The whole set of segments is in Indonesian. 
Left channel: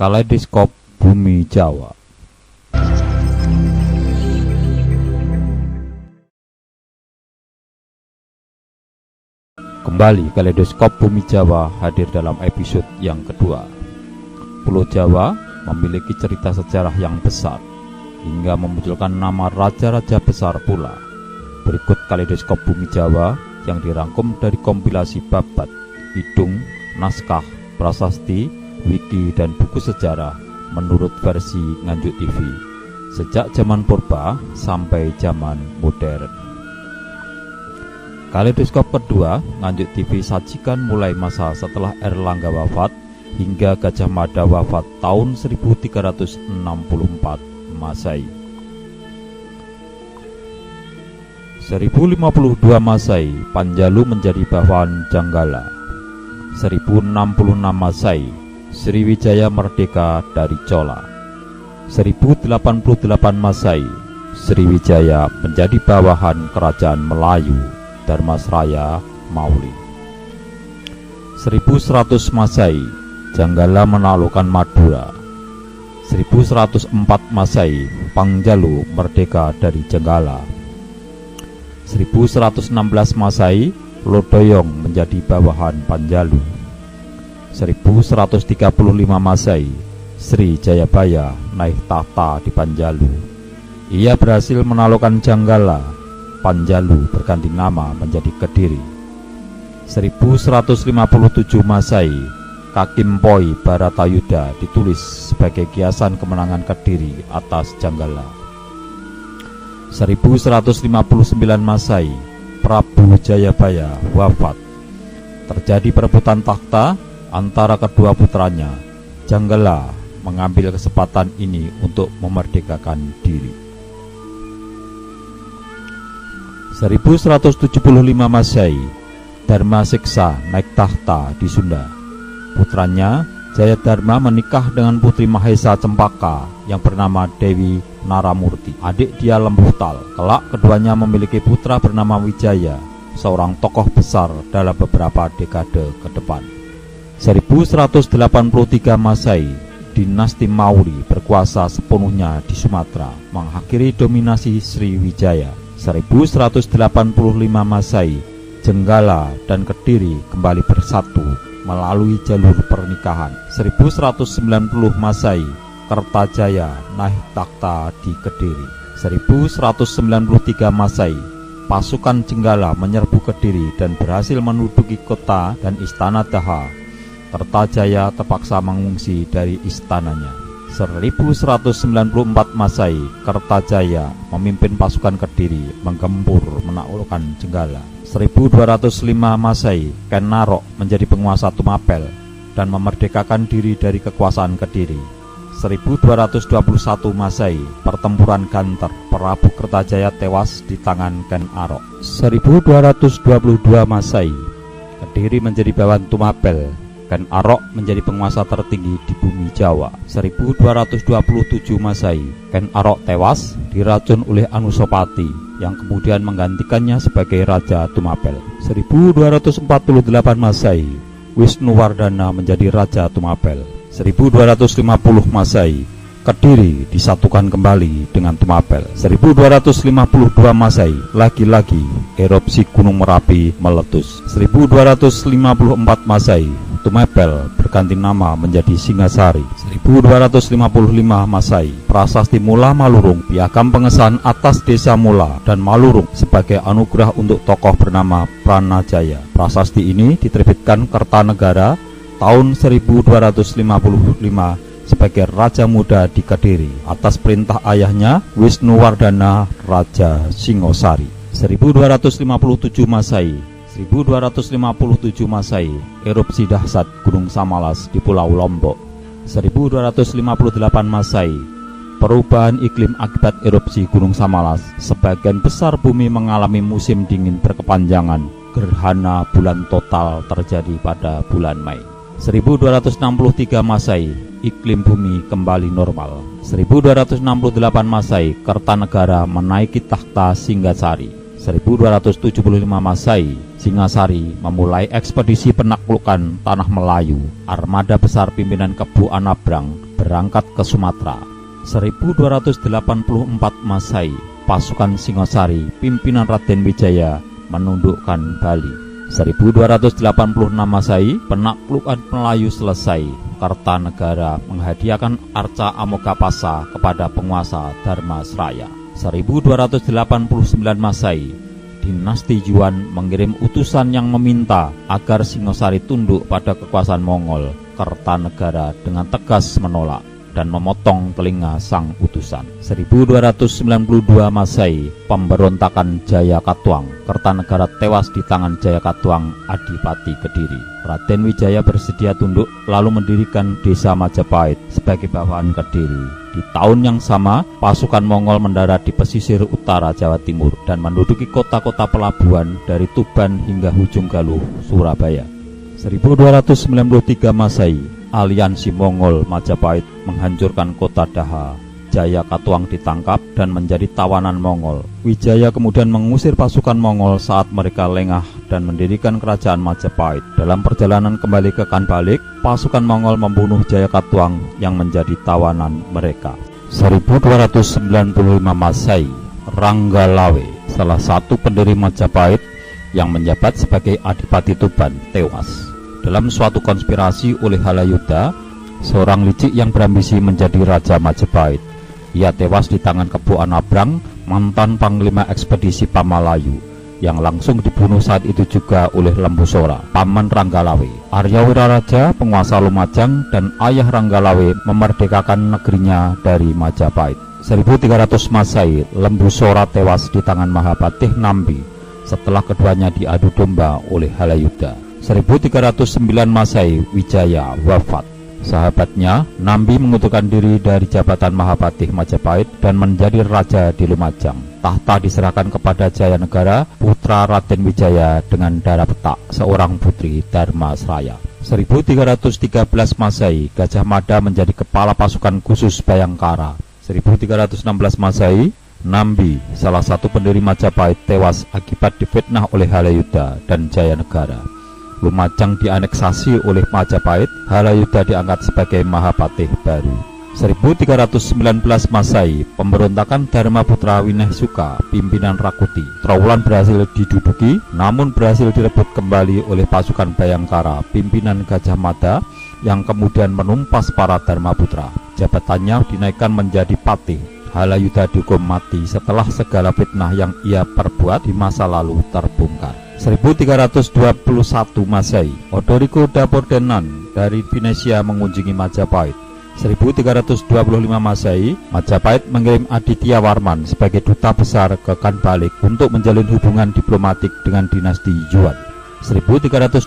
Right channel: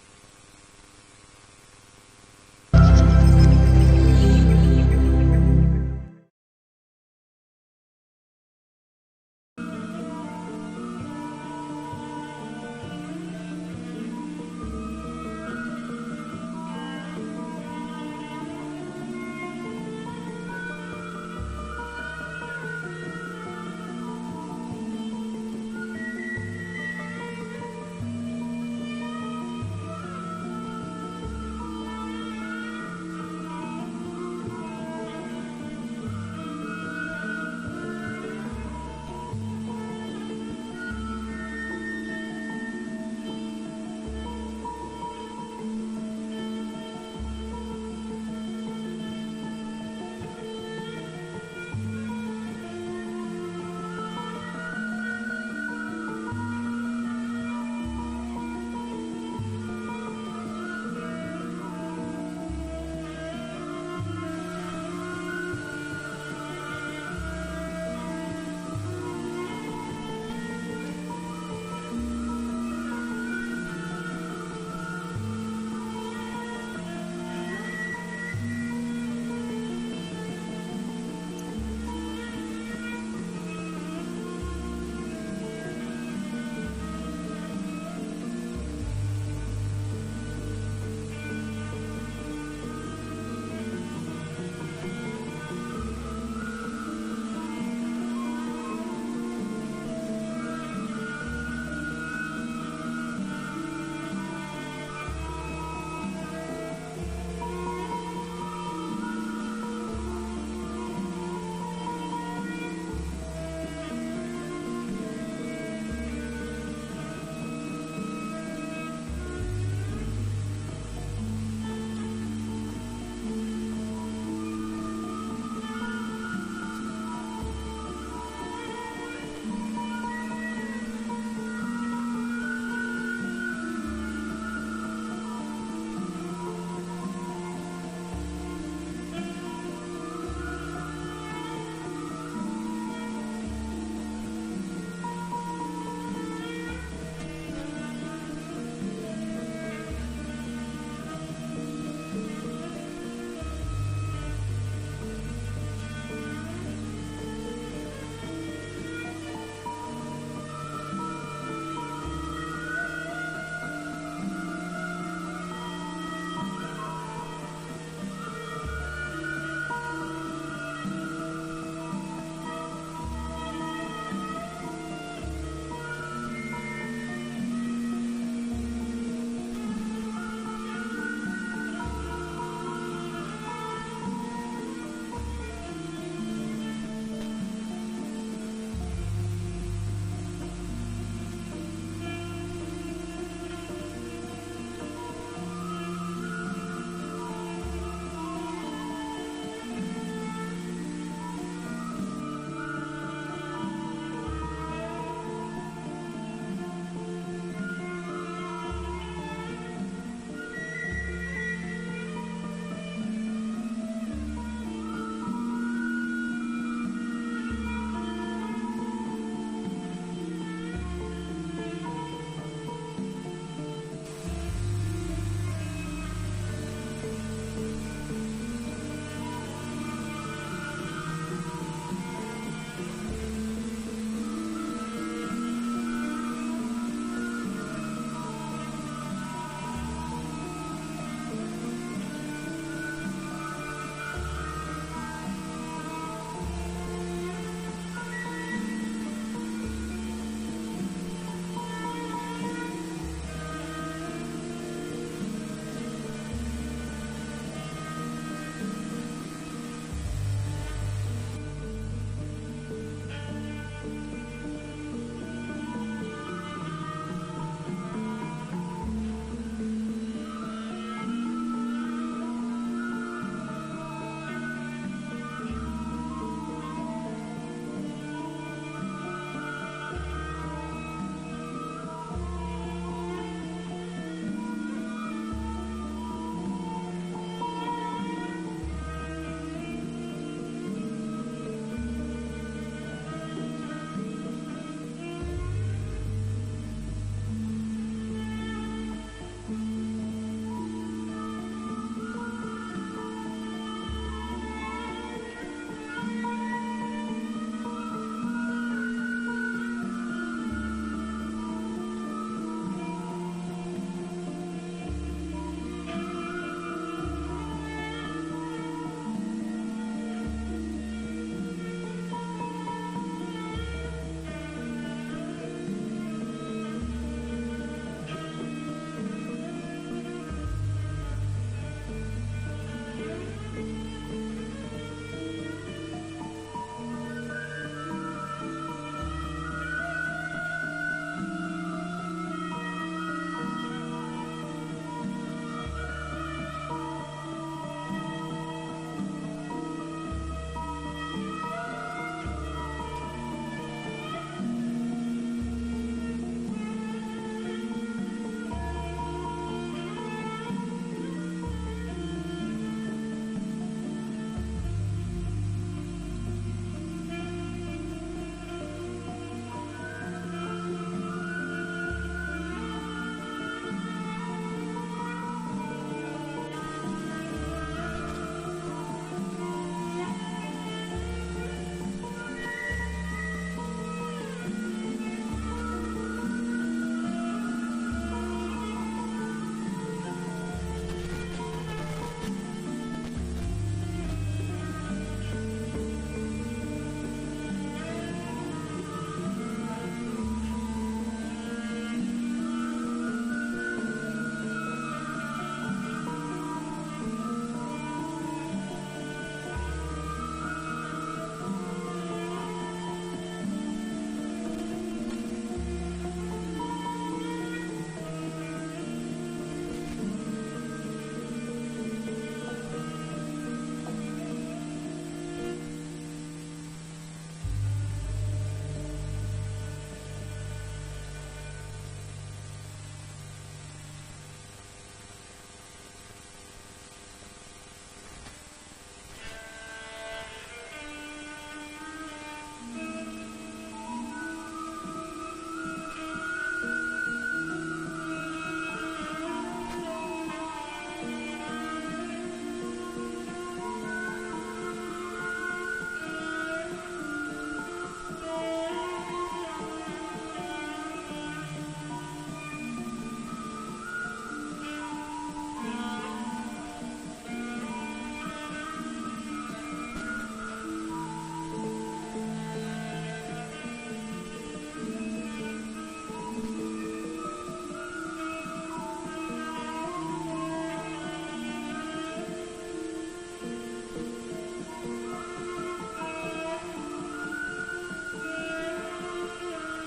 Kaleidoskop Bumi Jawa. Kembali Kaleidoskop Bumi Jawa hadir dalam episode yang kedua. Pulau Jawa memiliki cerita sejarah yang besar hingga memunculkan nama raja-raja besar pula. Berikut Kaleidoskop Bumi Jawa yang dirangkum dari kompilasi babat, hidung, naskah, prasasti, wiki, dan buku sejarah menurut versi Nganjuk TV sejak zaman purba sampai zaman modern. Kaleidoskop kedua Nganjuk TV sajikan mulai masa setelah Erlangga wafat hingga Gajah Mada wafat tahun 1364 Masehi. 1052 Masehi Panjalu menjadi bawahan Janggala. 1066 Masehi Sriwijaya merdeka dari Chola. 1088 Masehi Sriwijaya menjadi bawahan Kerajaan Melayu Dharmasraya Mauli. 1100 Masehi Janggala menaklukkan Madura. 1104 Masehi Panjalu merdeka dari Jenggala. 1116 Masehi Lodroyong menjadi bawahan Panjalu. 1135 Masehi Sri Jayabaya naik tahta di Panjalu. Ia berhasil menaklukkan Janggala. Panjalu berganti nama menjadi Kediri. 1157 Masehi Kakimpoi Baratayuda ditulis sebagai kiasan kemenangan Kediri atas Janggala. 1159 Masehi Prabu Jayabaya wafat. Terjadi perebutan takhta antara kedua putranya. Janggala mengambil kesempatan ini untuk memerdekakan diri. 1175 Masehi Dharma Siksa naik tahta di Sunda. Putranya Jayadharma menikah dengan putri Mahesa Cempaka yang bernama Dewi Naramurti, adik dia Lembutal. Kelak keduanya memiliki putra bernama Wijaya, seorang tokoh besar dalam beberapa dekade ke depan. 1183 Masehi Dinasti Mauri berkuasa sepenuhnya di Sumatera, mengakhiri dominasi Sriwijaya. 1185 Masehi Jenggala dan Kediri kembali bersatu melalui jalur pernikahan. 1190 Masehi Kertajaya naik takhta di Kediri. 1193 Masehi pasukan Jenggala menyerbu Kediri dan berhasil menduduki kota dan istana Daha. Kertajaya terpaksa mengungsi dari istananya. 1194 Masehi Kertajaya memimpin pasukan Kediri menggempur menaklukkan Jenggala. 1205 Masehi Ken Narok menjadi penguasa Tumapel dan memerdekakan diri dari kekuasaan Kediri. 1221 Masehi pertempuran Ganter, Prabu Kertajaya tewas di tangan Ken Arok. 1222 Masehi Kediri menjadi bawahan Tumapel. Ken Arok menjadi penguasa tertinggi di bumi Jawa. 1227 Masehi Ken Arok tewas diracun oleh Anusapati yang kemudian menggantikannya sebagai Raja Tumapel. 1248 Masehi Wisnuwardana menjadi Raja Tumapel. 1250 Masehi Kediri disatukan kembali dengan Tumapel. 1252 Masehi lagi-lagi erupsi Gunung Merapi meletus. 1254 Masehi Tumapel berganti nama menjadi Singasari. 1255 Masehi Prasasti Mula Malurung, piagam pengesahan atas desa Mula dan Malurung sebagai anugerah untuk tokoh bernama Pranajaya. Prasasti ini diterbitkan Kertanegara tahun 1255 sebagai Raja Muda di Kediri atas perintah ayahnya Wisnuwardana Raja Singosari. 1257 Masehi 1257 Masehi erupsi dahsyat Gunung Samalas di Pulau Lombok. 1258 Masehi perubahan iklim akibat erupsi Gunung Samalas. Sebagian besar bumi mengalami musim dingin berkepanjangan. Gerhana bulan total terjadi pada bulan Mei. 1263 Masehi iklim bumi kembali normal. 1268 Masehi Kertanegara menaiki takhta Singgasari. 1275 Masehi, Singasari memulai ekspedisi penaklukan tanah Melayu. Armada besar pimpinan Kebu Anabrang berangkat ke Sumatera. 1284 Masehi, pasukan Singosari pimpinan Raden Wijaya menundukkan Bali. 1286 Masehi, penaklukan Melayu selesai. Kartanegara menghadiahkan arca Amokapasa kepada penguasa Dharmasraya. 1289 Masehi, dinasti Yuan mengirim utusan yang meminta agar Singosari tunduk pada kekuasaan Mongol. Kartanegara dengan tegas menolak dan memotong telinga sang utusan. 1292 Masehi, pemberontakan Jayakatwang. Kertanegara tewas di tangan Jayakatwang, Adipati Kediri. Raden Wijaya bersedia tunduk lalu mendirikan desa Majapahit sebagai bawahan Kediri. Di tahun yang sama, pasukan Mongol mendarat di pesisir utara Jawa Timur dan menduduki kota-kota pelabuhan dari Tuban hingga Ujung Galuh, Surabaya. 1293 Masehi, aliansi Mongol Majapahit menghancurkan kota Daha. Jayakatwang ditangkap dan menjadi tawanan Mongol. Wijaya kemudian mengusir pasukan Mongol saat mereka lengah dan mendirikan kerajaan Majapahit. Dalam perjalanan kembali ke Kanbalik, pasukan Mongol membunuh Jayakatwang yang menjadi tawanan mereka. 1295 Masehi, Ranggalawe, salah satu pendiri Majapahit yang menjabat sebagai Adipati Tuban, tewas dalam suatu konspirasi oleh Halayudha, seorang licik yang berambisi menjadi Raja Majapahit. Ia tewas di tangan Kebo Anabrang, mantan Panglima Ekspedisi Pamalayu, yang langsung dibunuh saat itu juga oleh Lembusora, paman Ranggalawe. Arya Wiraraja, penguasa Lumajang dan ayah Ranggalawe, memerdekakan negerinya dari Majapahit. 1300 Masehi, Lembusora tewas di tangan Mahapatih Nambi setelah keduanya diadu domba oleh Halayudha. 1309 Masehi, Wijaya wafat. Sahabatnya, Nambi mengutukan diri dari jabatan Mahapatih Majapahit dan menjadi raja di Lumajang. Tahta diserahkan kepada Jayanegara, putra Raden Wijaya dengan darah petak, seorang putri Dharmasraya. 1313 Masehi, Gajah Mada menjadi kepala pasukan khusus Bayangkara. 1316 Masehi, Nambi, salah satu pendiri Majapahit, tewas akibat difitnah oleh Halayudha dan Jayanegara. Lumajang dianeksasi oleh Majapahit, Halayudha diangkat sebagai Mahapatih baru. 1319 Masehi, pemberontakan Dharmaputra Winehsuka, pimpinan Rakuti. Trawulan berhasil diduduki, namun berhasil direbut kembali oleh pasukan Bayangkara, pimpinan Gajah Mada, yang kemudian menumpas para Dharmaputra. Jabatannya dinaikkan menjadi patih. Halayudha dihukum mati setelah segala fitnah yang ia perbuat di masa lalu terbongkar. 1321 Masehi, Odorico da Pordenone dari Venesia mengunjungi Majapahit. 1325 Masehi, Majapahit mengirim Aditya Warman sebagai duta besar ke Kanbalik untuk menjalin hubungan diplomatik dengan dinasti Yuan. 1328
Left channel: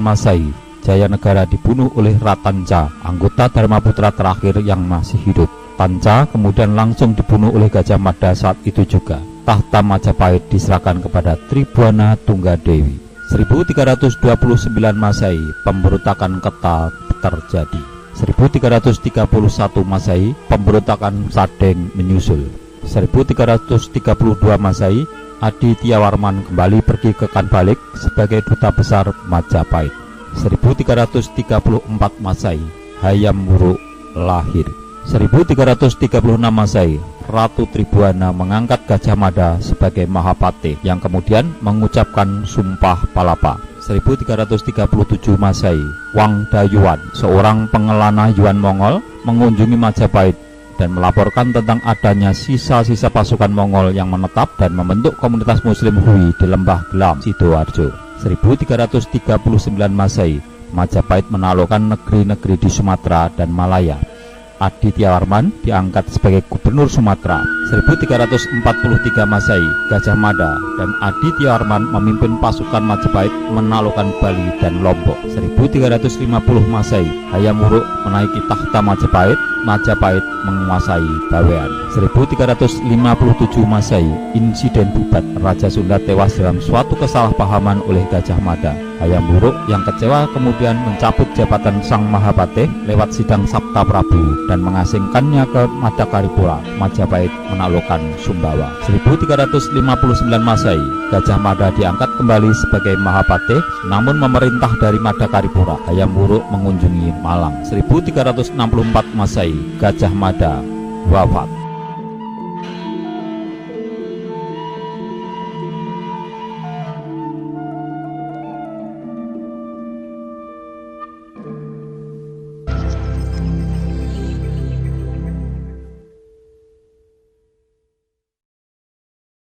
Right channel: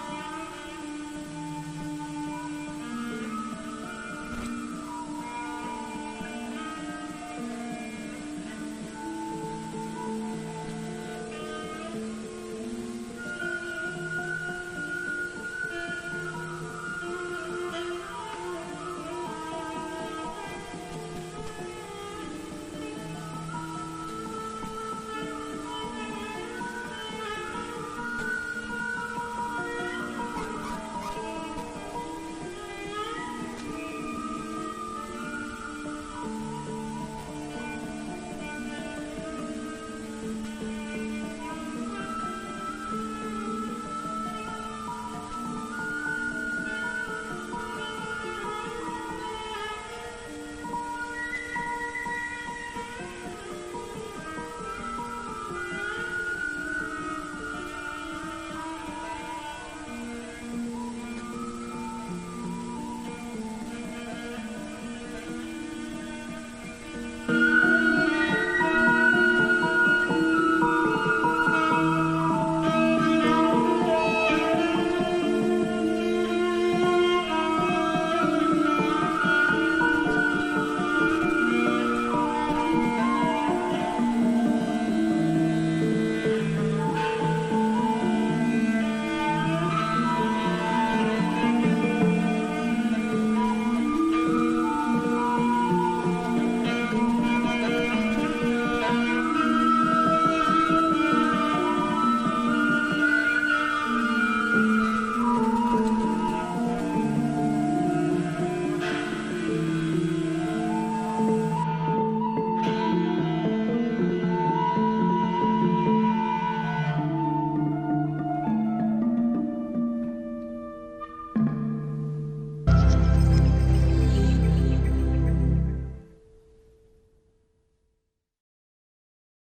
Masehi, Jayanegara dibunuh oleh Ratanca, anggota Dharmaputra terakhir yang masih hidup. Tanca kemudian langsung dibunuh oleh Gajah Mada saat itu juga. Tahta Majapahit diserahkan kepada Tribhuwana Tunggadewi. 1329 Masehi, pemberontakan Keta terjadi. 1331 Masehi, pemberontakan Sadeng menyusul. 1332 Masehi, Aditya Warman kembali pergi ke Kanbalik sebagai duta besar Majapahit. 1334 Masehi, Hayam Wuruk lahir. 1336 Masehi, Ratu Tribhuwana mengangkat Gajah Mada sebagai Mahapatih yang kemudian mengucapkan Sumpah Palapa. 1337 Masehi, Wang Dayuan, seorang pengelana Yuan Mongol, mengunjungi Majapahit dan melaporkan tentang adanya sisa-sisa pasukan Mongol yang menetap dan membentuk komunitas Muslim Hui di Lembah Gelam, Sidoarjo. 1339 Masehi, Majapahit menaklukkan negeri-negeri di Sumatera dan Malaya. Aditya Warman diangkat sebagai Gubernur Sumatera. 1343 Masehi, Gajah Mada dan Aditya Warman memimpin pasukan Majapahit menaklukkan Bali dan Lombok. 1350 Masehi, Hayam Wuruk menaiki tahta Majapahit. Majapahit menguasai Bawean. 1357 Masehi, insiden Bubat, Raja Sunda tewas dalam suatu kesalahpahaman oleh Gajah Mada. Hayam Wuruk yang kecewa kemudian mencabut jabatan Sang Mahapatih lewat sidang Sabta Prabu dan mengasingkannya ke Madakaripura. Majapahit menaklukkan Sumbawa. 1359 Masehi, Gajah Mada diangkat kembali sebagai Mahapatih, namun memerintah dari Madakaripura. Hayam Wuruk mengunjungi Malang. 1364 Masehi, Gajah Mada wafat.